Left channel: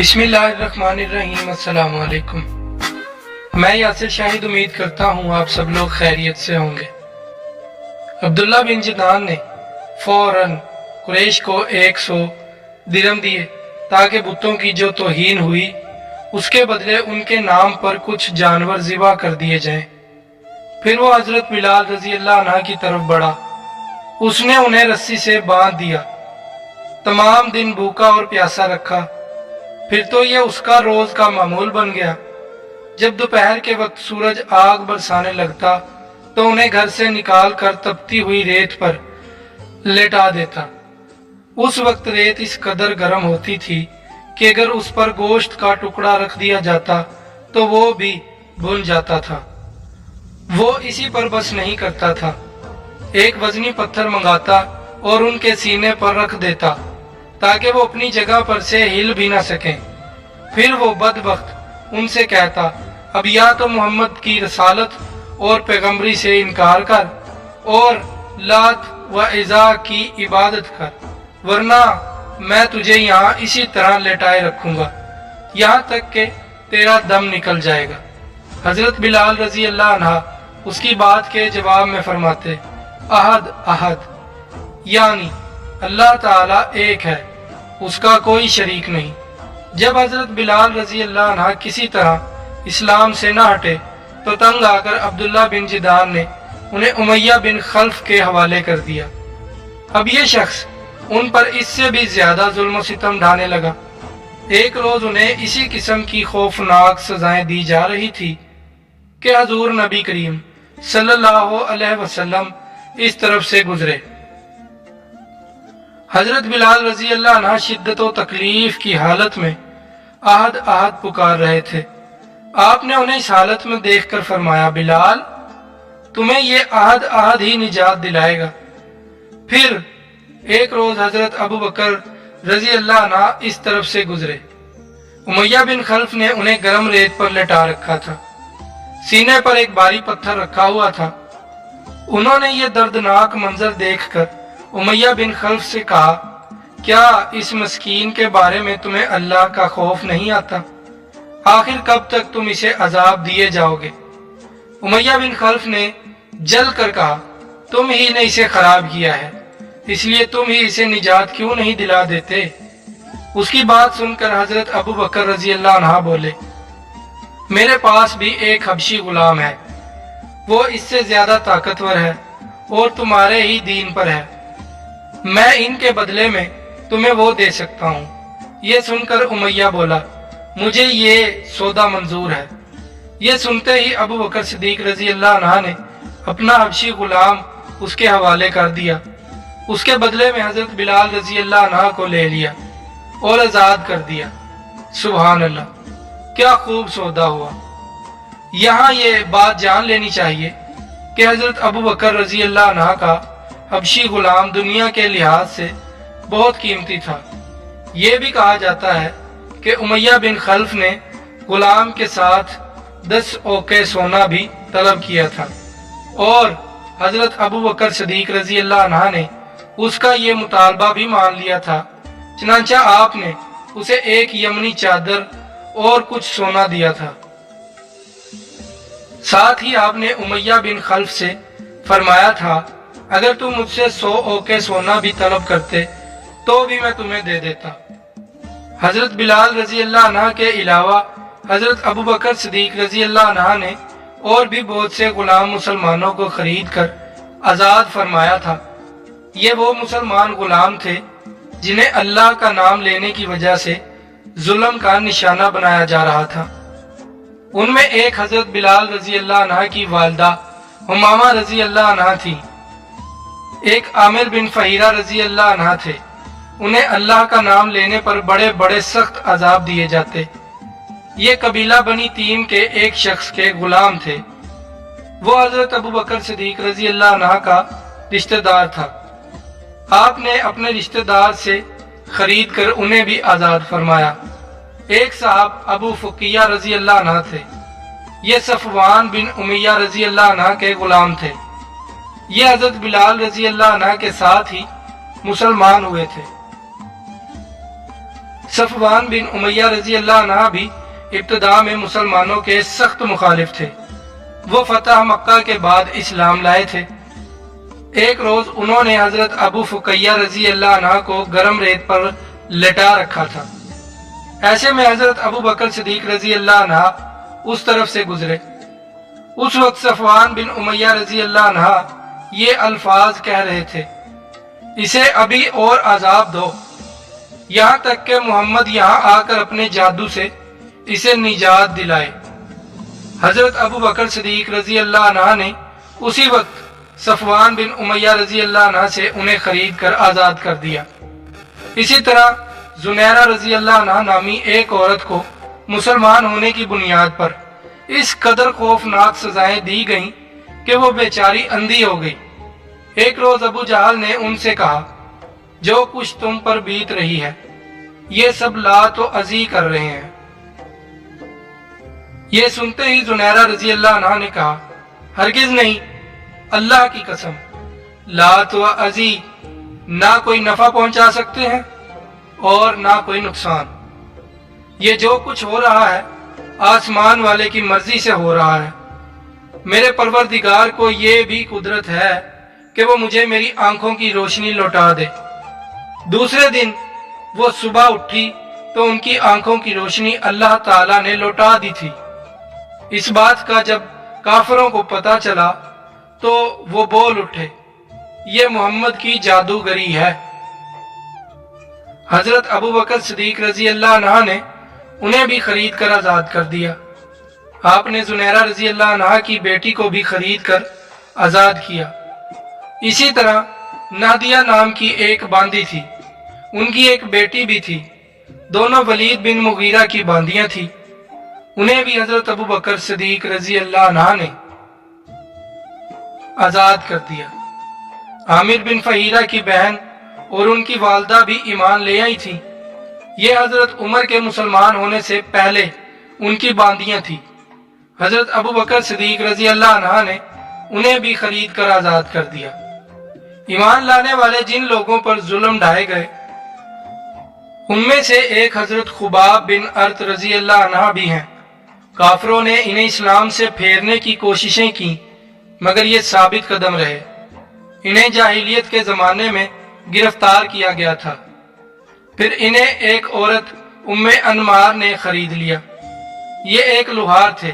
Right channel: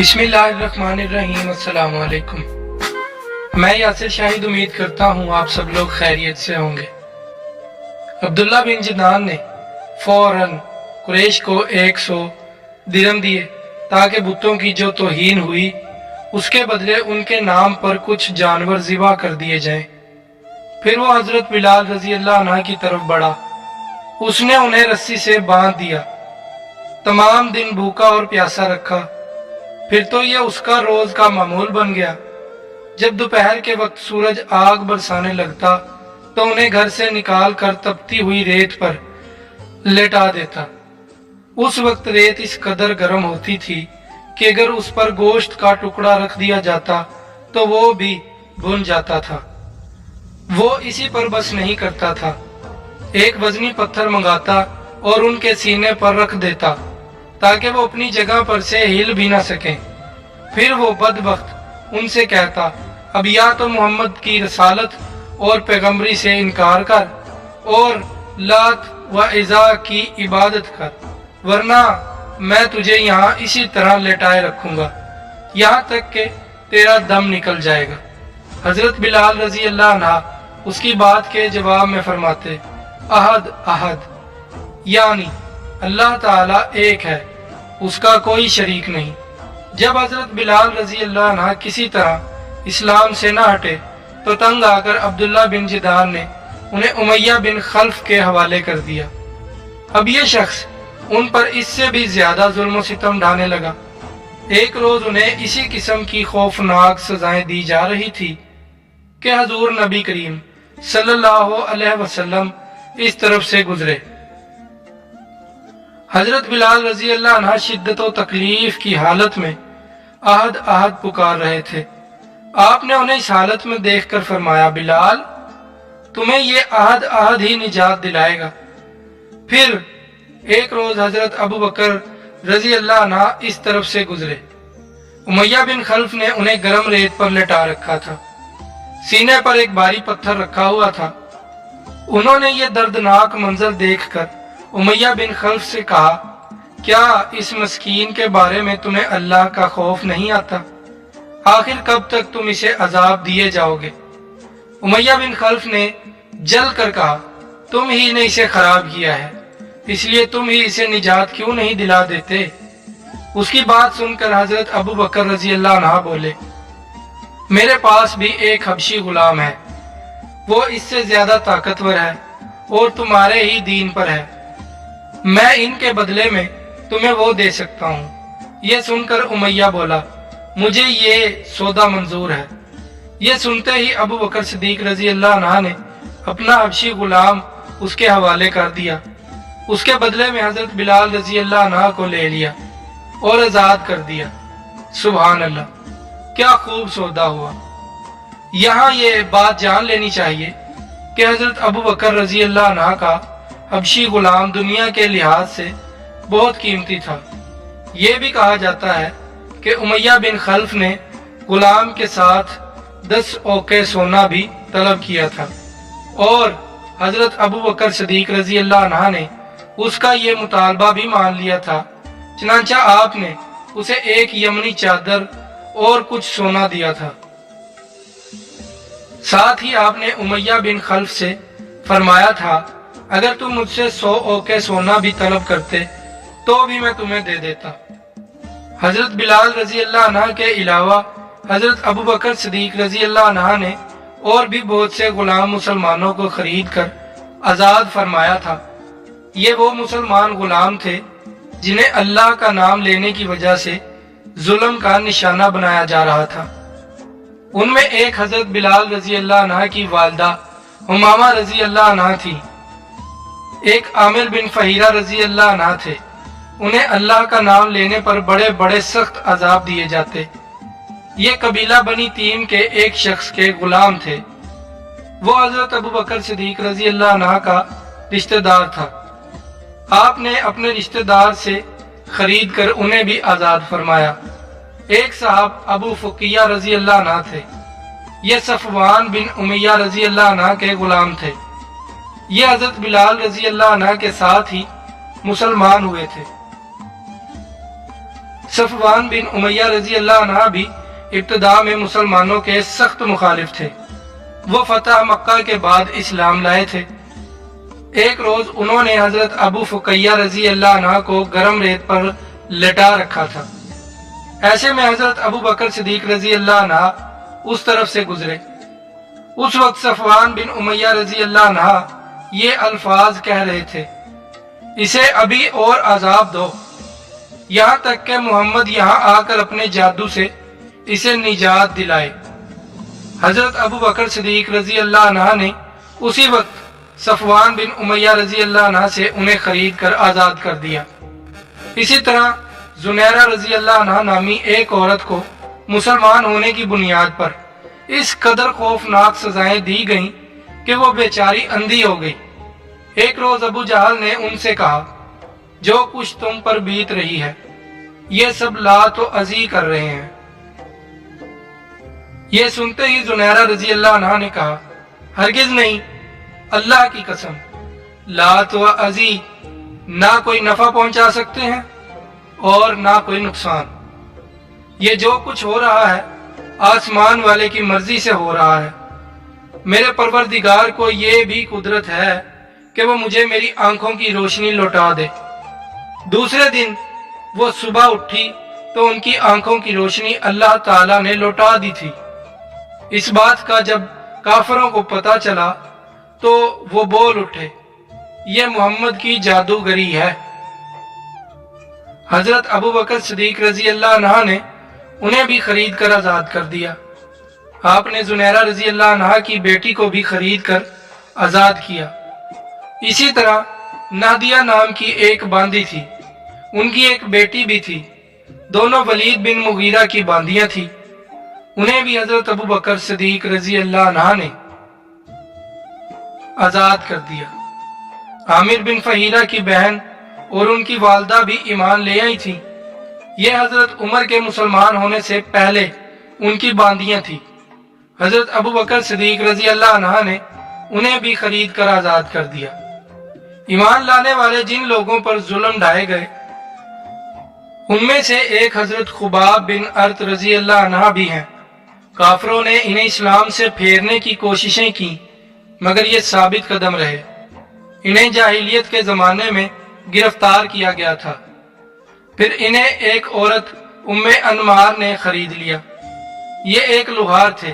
बिस्मिल्लाहिर्रहमानिर्रहीम। अस्सलाम वालेकुम। मैं यासिर शाहिद उम्मीद करता हूँ आप सब लोग खैरियत से होंगे। अब्दुल्ला बिन जनान ने फौरन कुरैश को 100 दिरहम दिए ताकि बुतों की जो तौहीन हुई उसके बदले उनके नाम पर कुछ जानवर ज़िबा कर दिए जाएं। फिर वो हजरत बिलाल रजी अल्लाह अन्हा की तरफ बढ़ा। उसने उन्हें रस्सी से बांध दिया, तमाम दिन भूखा और प्यासा रखा। फिर तो यह उसका रोज का मामूल बन गया। जब दोपहर के वक्त सूरज आग बरसाने लगता तो उन्हें घर से निकाल कर तपती हुई रेत पर लेटा देता। उस वक्त रेत इस कदर गर्म होती थी कि अगर उस पर गोश्त का टुकड़ा रख दिया जाता तो वो भी भुन जाता था। वो इसी पर बस नहीं करता था, एक वजनी पत्थर मंगाता और उनके सीने पर रख देता ताकि वो अपनी जगह पर से हिल भी ना सकें। फिर वो बदबख्त उनसे कहता, अब या तो मोहम्मद की रसालत और पैगंबरी से इनकार कर और लात व इज़ा की इबादत कर, वरना मैं तुझे यहाँ इसी तरह लेटाए रखूंगा यहाँ तक कि तेरा दम निकल जाएगा। हजरत बिलाल रजी अल्लाह अन्हा उसकी बात के जवाब में फरमाते, अहद अहद, यानी अल्लाह ताला एक है, उसका कोई शरीक नहीं। जब हजरत बिलाल रजी अल्लाह अन्हा किसी तरह इस्लाम से न हटे तो तंग आकर अब्दुल्ला बिन जिदान ने उन्हें उमैया बिन खल्फ के हवाले कर दिया। अब ये शख्स उन पर इससे भी ज्यादा जुल्म सितम ढाने लगा। एक रोज उन्हें इसी किस्म की खौफनाक सजाएं दी जा रही थी कि हजूर नबी करीम सल्लल्लाहु अलैहि वसल्लम इस तरफ से गुजरे। हजरत बिलाल रजी अल्लाह अन्हा शिद्दत व तकलीफ की हालत में अहद अहद पुकार रहे थे। आपने उन्हें इस हालत में देखकर फरमाया, बिलाल, तुम्हें ये अहद अहद ही निजात दिलाएगा। फिर एक रोज हजरत अबू बकर रजी अल्लाह अन्हा इस तरफ से गुजरे। उमैया बिन खल्फ ने उन्हें गर्म रेत पर लेटा रखा था, सीने पर एक भारी पत्थर रखा हुआ था। उन्होंने ये दर्दनाक मंजर देखकर उमैया बिन खल्फ से कहा, क्या इस मस्कीन के बारे में तुम्हें अल्लाह का खौफ नहीं आता? आखिर कब तक तुम इसे अजाब दिए जाओगे? उमैया बिन खल्फ ने जल कर कहा, तुम ही ने इसे खराब किया है, इसलिए तुम ही इसे निजात क्यों नहीं दिला देते? उसकी बात सुनकर हजरत अबू बकर रजी अल्लाह अन्हा बोले, मेरे पास भी एक हबशी गुलाम है, वो इससे ज्यादा ताकतवर है और तुम्हारे ही दीन पर है। मैं इनके बदले में तुम्हें वो दे सकता हूँ। ये सुनकर उमैया बोला, मुझे ये सौदा मंजूर है। ये सुनते ही अबू बकर सिद्दीक रजी अल्लाह अन्हा ने अपना हबशी गुलाम उसके हवाले कर दिया। उसके बदले में हजरत बिलाल रजी अल्लाह अन्हा को ले लिया और आजाद कर दिया। सुभान अल्लाह, क्या खूब सौदा हुआ। यहाँ ये बात जान लेनी चाहिए कि हजरत अबू बकर रजी अल्लाह अन्हा का हबशी गुलाम दुनिया के लिहाज से बहुत कीमती था। ये भी कहा जाता है कि उमैया बिन खल्फ ने गुलाम के साथ 10 औके सोना भी तलब किया था और हजरत अबू बकर सिद्दीक रजी अल्लाह अन्हा ने उसका ये मुतालबा भी मान लिया था। चनांचा आपने उसे एक यमनी चादर और कुछ सोना दिया था। साथ ही आपने उमैया बिन खल्फ से फरमाया था, अगर तुम मुझसे 100 औके सोना भी तलब करते तो भी मैं तुम्हें दे देता। हजरत बिलाल रजी अल्लाह अन्हा के अलावा हजरत अबू बकर सिद्दीक रजी अल्लाह अन्हा ने और भी बहुत से गुलाम मुसलमानों को खरीद कर आजाद फरमाया था। ये वो मुसलमान गुलाम थे जिन्हें अल्लाह का नाम लेने की वजह से जुल्म का निशाना बनाया जा रहा था। उनमें एक हजरत बिलाल रजी अल्लाह अन्हा की वालदा हुमामा रजी अल्लाह अन्हा थी। एक आमिर बिन फहीरा रजी अल्लाह अन्हा थे। उन्हें अल्लाह का नाम लेने पर बड़े बड़े सख्त अजाब दिए जाते। ये कबीला बनी तीम के एक शख्स के गुलाम थे। वो हजरत अबू बकर सिद्दीक रजी अल्लाह अन्हा का रिश्तेदार था। आपने अपने रिश्तेदार से खरीद कर उन्हें भी आजाद फरमाया। एक साहब अबू फुकिया रजी अल्लाह अन्हा थे। ये सफवान बिन उमैया रजी अल्लाह अन्हा के गुलाम थे। ये हजरत बिलाल रजी अल्लाह अन्हा के साथ ही मुसलमान हुए थे। सफवान बिन उमैया रजी अल्लाह अन्हा भी इब्तदा में मुसलमानों के सख्त मुखालिफ थे। वो फतह मक्का के बाद इस्लाम लाए थे। एक रोज उन्होंने हजरत अबू फुकैया रजी अल्लाह अन्हा को गर्म रेत पर लेटा रखा था। ऐसे में हजरत अबू बकर सिद्दीक रजी अल्लाह अन्हा उस तरफ से गुजरे। उस वक्त सफवान बिन उमैया रजी अल्लाह अन्हा ये अल्फाज कह रहे थे, इसे अभी और अजाब दो, यहाँ तक कि मोहम्मद यहाँ आकर अपने जादू से इसे निजात दिलाए। हजरत अबू बकर सिद्दीक रजी अल्लाह अन्हा ने उसी वक्त सफवान बिन उमैया रजी अल्लाह अन्हा से उन्हें खरीद कर आजाद कर दिया। इसी तरह जुनैरा रजी अल्लाह अन्हा नामी एक औरत को मुसलमान होने की बुनियाद पर इस कदर खौफनाक सजाएं दी गईं कि वो बेचारी अंधी हो गई। एक रोज अबू जहल ने उनसे कहा, जो कुछ तुम पर बीत रही है ये सब लात व अज़ी कर रहे हैं। ये सुनते ही जुनैरा रजी अल्लाह अन्हा ने कहा, हरगिज नहीं, अल्लाह की कसम, लात व अज़ी ना कोई नफा पहुंचा सकते हैं और ना कोई नुकसान। ये जो कुछ हो रहा है आसमान वाले की मर्जी से हो रहा है। मेरे परवरदिगार को ये भी कुदरत है कि वो मुझे मेरी आंखों की रोशनी लौटा दे। दूसरे दिन वो सुबह उठी तो उनकी आंखों की रोशनी अल्लाह ताला ने लौटा दी थी। इस बात का जब काफिरों को पता चला तो वो बोल उठे, ये मोहम्मद की जादूगरी है। हजरत अबू बकर सिद्दीक रजी अल्लाह अन्हा ने उन्हें भी खरीद कर आजाद कर दिया। आपने जुनैरा रजी अल्लाह अन्हा की बेटी को भी खरीद कर आजाद किया। इसी तरह नादिया नाम की एक बांदी थी, उनकी एक बेटी भी थी। दोनों वलीद बिन मुगीरा की बांदियां थी। उन्हें भी हजरत अबू बकर सिद्दीक रजी अल्लाह अन्हा ने आजाद कर दिया। आमिर बिन फहीरा की बहन और उनकी वालदा भी ईमान ले आई थी। ये हजरत उमर के मुसलमान होने से पहले उनकी बांदियां थी। हजरत अबू बकर सिद्दीक रजी अल्लाह अन्हा ने उन्हें भी खरीद कर आजाद कर दिया। ईमान लाने वाले जिन लोगों पर जुल्म ढाए गए उनमें से एक हजरत खुबाब बिन अर्त रजी अल्लाह अन्हा भी हैं। काफिरों ने इन्हें इस्लाम से फेरने की कोशिशें की मगर ये साबित कदम रहे। इन्हें जाहिलियत के जमाने में गिरफ्तार किया गया था। फिर इन्हें एक औरत उम्मे अनमार ने खरीद लिया। ये एक लुहार थे।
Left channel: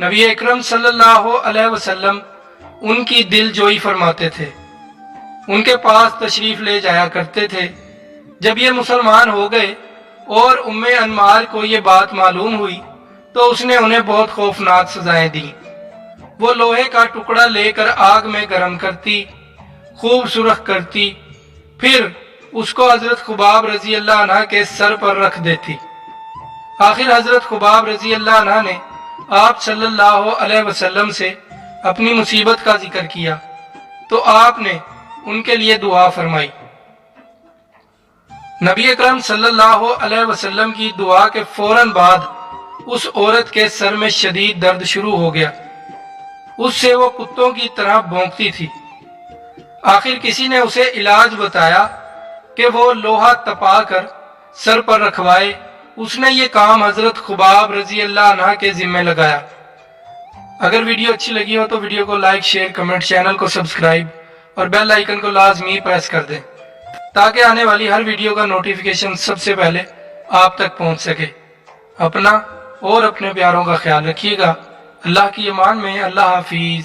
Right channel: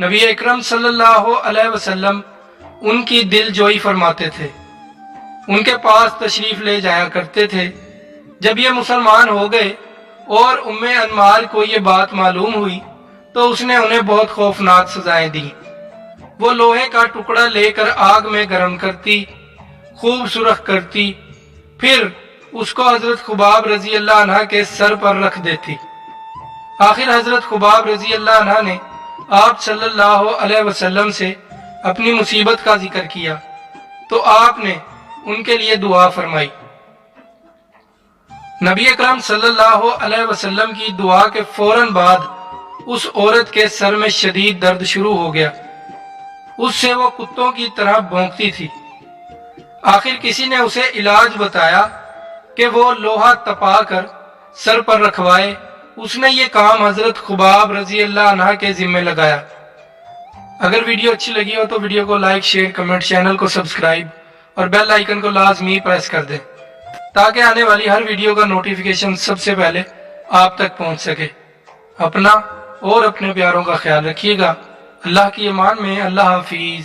नबी अकरम सल्लल्लाहु अलैहि वसल्लम उनकी दिलजोई फरमाते थे, उनके पास तशरीफ ले जाया करते थे। जब ये मुसलमान हो गए और उम्मे अनमार को ये बात मालूम हुई तो उसने उन्हें बहुत खौफनाक सजाएं दी। वो लोहे का टुकड़ा लेकर आग में गर्म करती, खूब सुरख करती, फिर उसको हजरत खुबाब रजी अल्लाह अन्हा के सर पर रख देती। आखिर हजरत खुबाब रजी अल्लाह अन्हा ने आप सल्लल्लाहु अलैहि वसल्लम से अपनी मुसीबत का जिक्र किया तो आपने उनके लिए दुआ फरमाई। नबी अकरम सल्लल्लाहु अलैहि वसल्लम की दुआ के फौरन बाद उस औरत के सर में शदीद दर्द शुरू हो गया। उससे वो कुत्तों की तरह भौंकती थी। आखिर किसी ने उसे इलाज बताया कि वो लोहा तपा कर सर पर रखवाए। उसने ये काम हजरत खुबाब रजी अल्लाह अन्हा के जिम्मे लगाया। अगर वीडियो अच्छी लगी हो तो वीडियो को लाइक, शेयर, कमेंट, चैनल को सब्सक्राइब और बेल आइकन को लाजमी प्रेस कर दें ताकि आने वाली हर वीडियो का नोटिफिकेशन सबसे पहले आप तक पहुंच सके। अपना और अपने प्यारों का ख्याल रखिएगा। अल्लाह की अमान में। अल्लाह हाफिज।